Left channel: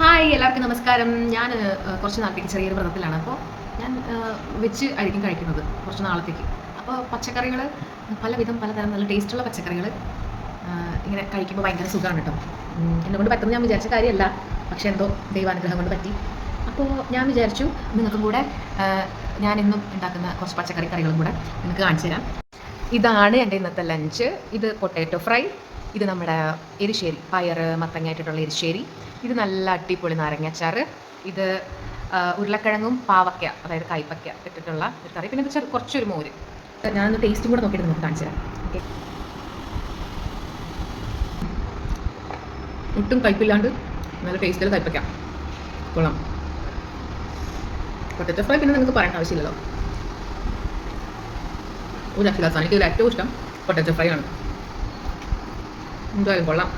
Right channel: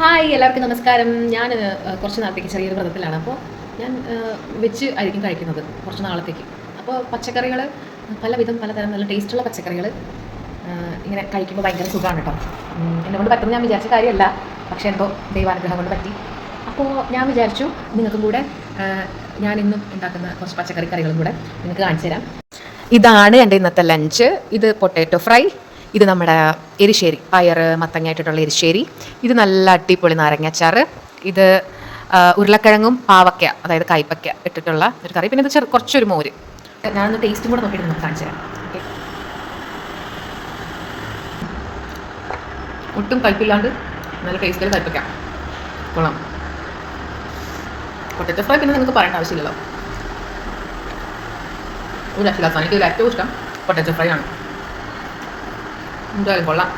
Hi, എല്ലാവർക്കും നമസ്കാരം. ഞാൻ കുറച്ച് നാളത്തേക്ക് ചെറിയൊരു വ്രതത്തിലാണ്. അപ്പോൾ ഞാൻ വെജ് ആയിരിക്കും കഴിക്കുന്നത് കുറച്ച് നാളത്തേക്ക്. അപ്പോൾ പച്ചക്കറികൾ പലവിധം പലതരം നല്ല ടേസ്റ്റുള്ള പച്ചക്കറികൾ ഇങ്ങനെ കഴിക്കുമ്പോൾ ഭയങ്കര സുഖമാണ് കേട്ടോ. എന്നെക്കൊണ്ട് പറ്റുമെന്ന് ഞാൻ വിചാരിച്ച കാര്യമല്ല, പക്ഷേ എന്തോ ദൈവാനുഗ്രഹം കൊണ്ട് പറ്റി. അപ്പോൾ ഞാൻ വിചാരിച്ചു നിങ്ങൾക്കും കൂടെ ഞാനിന്നും ഉണ്ടാക്കുന്ന കുറച്ച് പച്ചക്കറി കറികളും കൂടെ നിങ്ങൾക്ക് കാണിച്ചു തരാം. ഇതാണ് എൻ്റെ ഇന്നത്തെ ലഞ്ച്. ഇത് പൊട്ടാറ്റോ ഫ്രൈ, ഇത് നമ്മുടെ എരിശ്ശേരി, പയർ മത്തങ്ങയായിട്ടുള്ള എരിശ്ശേരി, ഇത് നല്ല അടിപൊളി നാരങ്ങാച്ചാറ്, ഇത് ഉരുളക്കിഴങ്ങും പാവയ്ക്ക അതായത് കൈപ്പയ്ക്ക ഇട്ടിട്ടുള്ള ഒരു കറി, പിന്നെ ഇത് കുറച്ചൊരു മോര്. ഞാനൊന്ന് ടേസ്റ്റും കൂടെ നോക്കിയിട്ട് നമുക്ക് കാണിച്ചു തരാം. ഓക്കെ, ഒട്ടും കയ്പില്ലാണ്ട് നല്ല ടേസ്റ്റിൽ കൈപ്പയ്ക്ക കൊള്ളാം. പൊട്ടാറ്റോ ഫ്രൈ പിന്നെ നിങ്ങൾക്ക് പറയേണ്ട ആവശ്യമില്ലല്ലോ, ഒരു രക്ഷയില്ലാത്ത. എനിക്ക് ഇതിൽ ഏറ്റവും ഇഷ്ടം പൊട്ടാറ്റോ ഫ്രൈ ആണ്. എന്തായാലും കൊള്ളാം.